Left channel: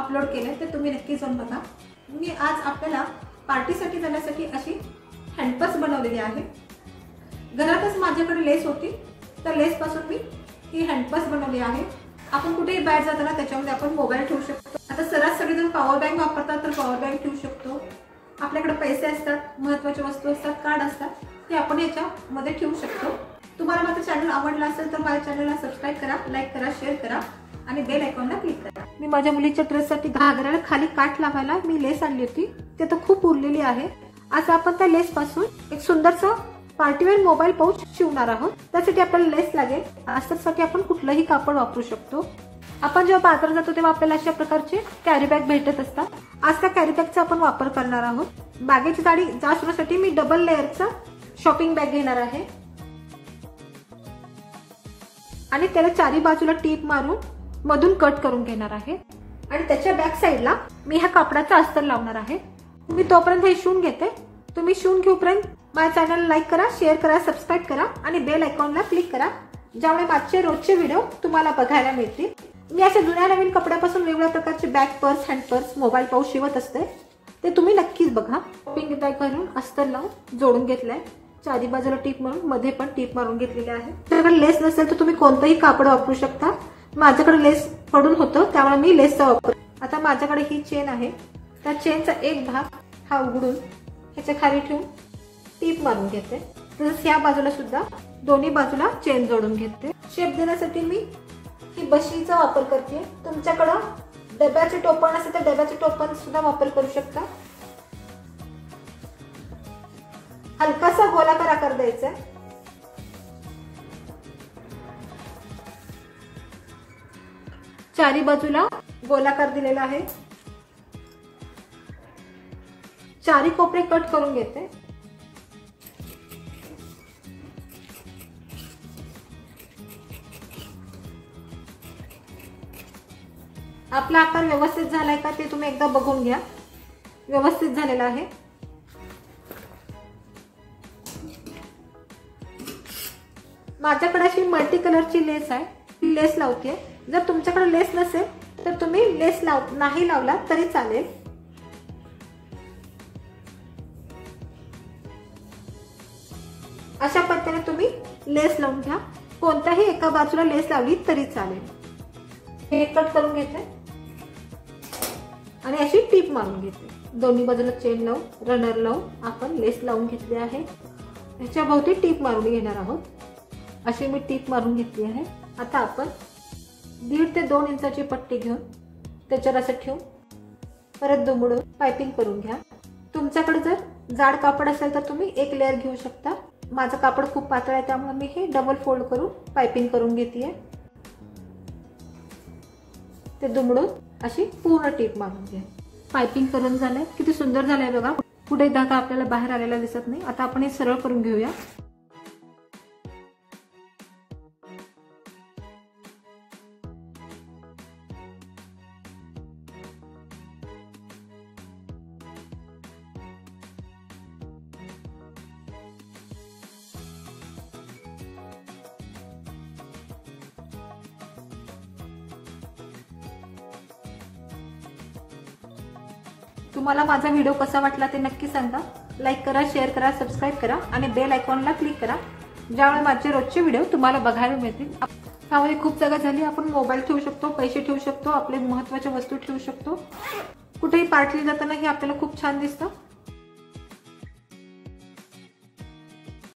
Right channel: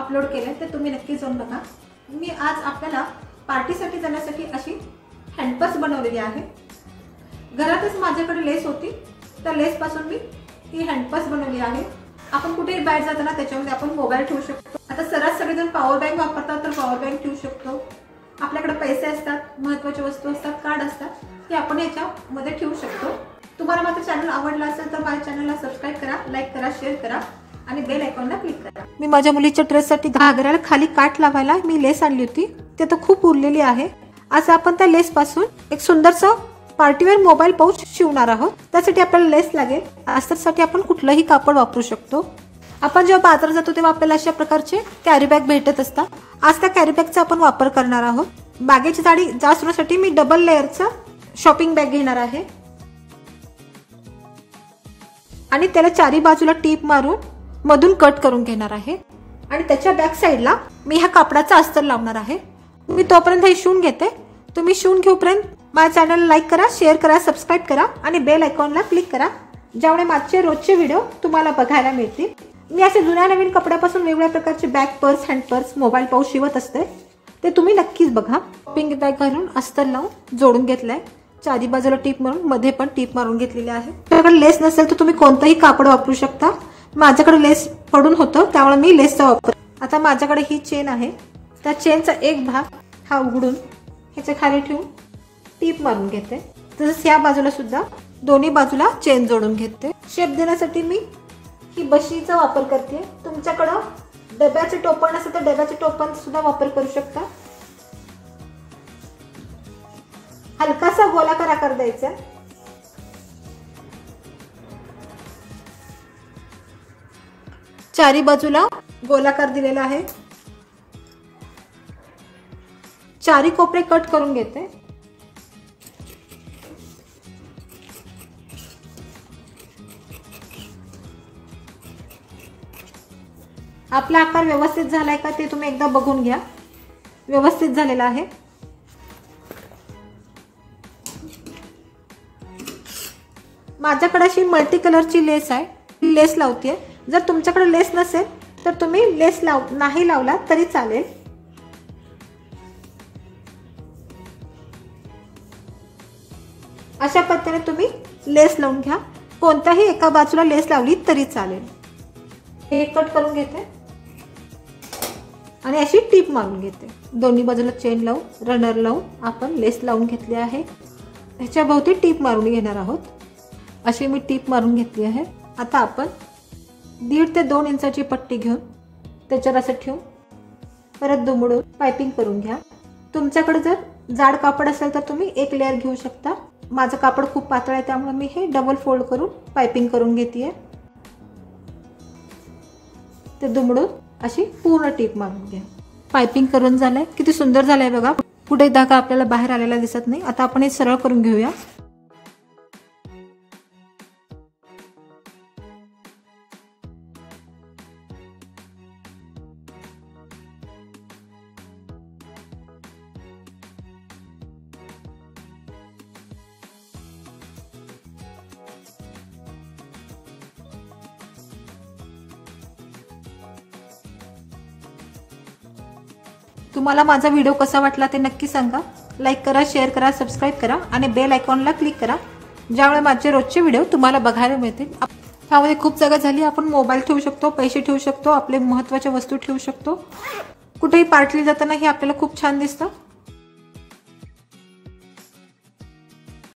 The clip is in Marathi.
अपलोड केले ते तुम्ही नक्की जाऊन बघा। मी आज आपल्याला पार्टीसाठी जाण्यासाठी अशी हँडपर्स बनवलेली आहे। घरातच माझ्याकडे लेस होती, त्या लेस पासून मी ही हँडपर्स बनवली आहे। आपण कुठेही बाहेर जाताना त्याच्यामध्ये आपण मोबाईल ठेवू शकतो। आता सर्रास सगळेजण पॉवर बँक वापरतात, तर पॉवर बँक ठेवू शकतो। आपल्याकडे पैसे असतात, महत्त्वाच्या वस्तू असतात, कार्ड असतात, ते आपण याच्यामध्ये ठेवू शकतो। तुम्हाला माझं चॅनल आवडलं असेल तर माझ्या चॅनलला सबस्क्राइब करा, लाईक करा, शेअर करा आणि बेल आयकॉनला क्लिक करा। मी माझ्या मुलीच्या ड्रेससाठी घागऱ्याला खाली काठ लावायला मी लेस आणली होती, ते तर खूप उरलेली आहे। आज आपण त्या लेस पासून एक सुंदरसा पार्टीवेअर मोबाईल पाऊच शिवणार आहोत। त्यासाठी आपल्याला लेस लागेल। अस्तरसाठी आपण कुठलंही कापड वापरू शकतो। आपण जेव्हा बाजारात जातो तेव्हा आपल्याला अशा प्रकारचे कॅरी बॅग भेटत असतात। आज त्या कॅरी बॅगचा आपण वापर करणार आहोत। बॅगेची जाडी जास्त होण्यासाठी मी डबल लेअरचा शॉपिंग बॅग घेणार आहे आणि त्याला चारी बाजूला टीप मारून मधून कट करून घेणार आहे आणि त्याच्या बॅक साइडला मी ह्या कापडाचा अस्तर लावणार आहे। मी तोपर्यंत हे शिवून घेते। तुम्ही शिवून घेऊपर्यंत माझ्या चॅनलला लाईक करा, शेअर करा, सबस्क्राइब करा आणि बेल आयकॉनला क्लिक करा, ज्यामुळे माझे रोजचे व्हिडिओ तुम्हाला बघायला मिळतील। मी असे जुन्या नवीन कपड्यापासून वेगवेगळ्या प्रकारचे bag purse, hand purse, mobile pouch शिवत असते, ते तुम्ही नक्कीच बघा। पिंक बॅग घालून अस्तर लावून जोडून घेतलंय। चारी बाजूला टीप मारून मध्ये पण टीप मारून घेतलेली आहे। तुमच्याकडे लेस नसेल तर तुम्ही कोणतंही कापड वापरू शकता। माझ्याकडे लेस पडून होतं त्यामुळे मी लेसचा वापर। आता माझ्याकडे ही चेन आहे, त्या चेनचा एक भाग हा उघडून ह्याच्या खाली ठेवून टीप मारून घेते। तसंच या बाजूला सुद्धा दोन्ही बाजूला चेन जोडून घेते। शेप देण्यासाठी मी ही बशीचा वापर करते। तुमच्याकडे डब्याचे टोपण असेल तर डब्याचे टोपण सुद्धा वापर करू शकता। हलकासा गोलाकार आकार द्यायचा। चारी बाजूला गोलाकार दिलेला आहे। चारी कोपरे कट करून घेते। आपला आकार व्यवस्थित झालाय का ते तुम्ही एकदा बघून घ्या। व्यवस्थित झालेला आहे। माझ्याकडे अशी मल्टी कलरची लेस आहे, लेस लावते। जर तुमच्याकडे लेस नसेल तर तुम्ही लेस नाही लावला तरी चालेल। अशा पद्धतीने तुम्ही लेस लावून घ्या। कोणत्याही एका बाजूला लेस लावली तरी चालेल। हे कट करून घेते आणि अशी टीप मारून घेते। दोन्ही बाजूला चेन लावून रनर लावून आपण लेस लावून घेतली आहे। ह्याच्या भोवती टीप मारून घेणार आहोत। अशी मी टीप मारून घेतली आहे। आता आपण 1.5 ते 2 इंचाची पट्टी घेऊन त्याच्यावर असं ठेवून परत दुमडून पायपिंग करून घ्या। तुमच्याकडे जर जाड कापड असेल तर तुम्ही एक लेअर घेऊ शकता। माझं कापड खूप पातळ आहे त्यामुळे मी हे डबल फोल्ड करून पायपिंग करून घेते। ते दुमडून अशी पूर्ण टीप मारून घ्या। पायपिंग करून झालंय, किती सुंदर झालंय बघा। कुठे धागा आपल्याला बाहेर आलेला दिसत नाही। आता आपण हे सरळ करून घेऊया। तुम्हाला माझा व्हिडिओ कसा वाटला ते नक्की सांगा। लाईक करा, शेअर करा, सबस्क्राइब करा आणि बेल आयकॉनला क्लिक करा, ज्यामुळे माझे रोजचे व्हिडिओ तुम्हाला बघायला मिळतील। यामध्ये खूप जागा झाली। आपण मोबाईल ठेवू शकतो, पैसे ठेवू शकतो, आपले महत्त्वाच्या वस्तू ठेवू शकतो। कुठेही पार्टीला जाताना हे आपल्याला खूप छान दिसतं।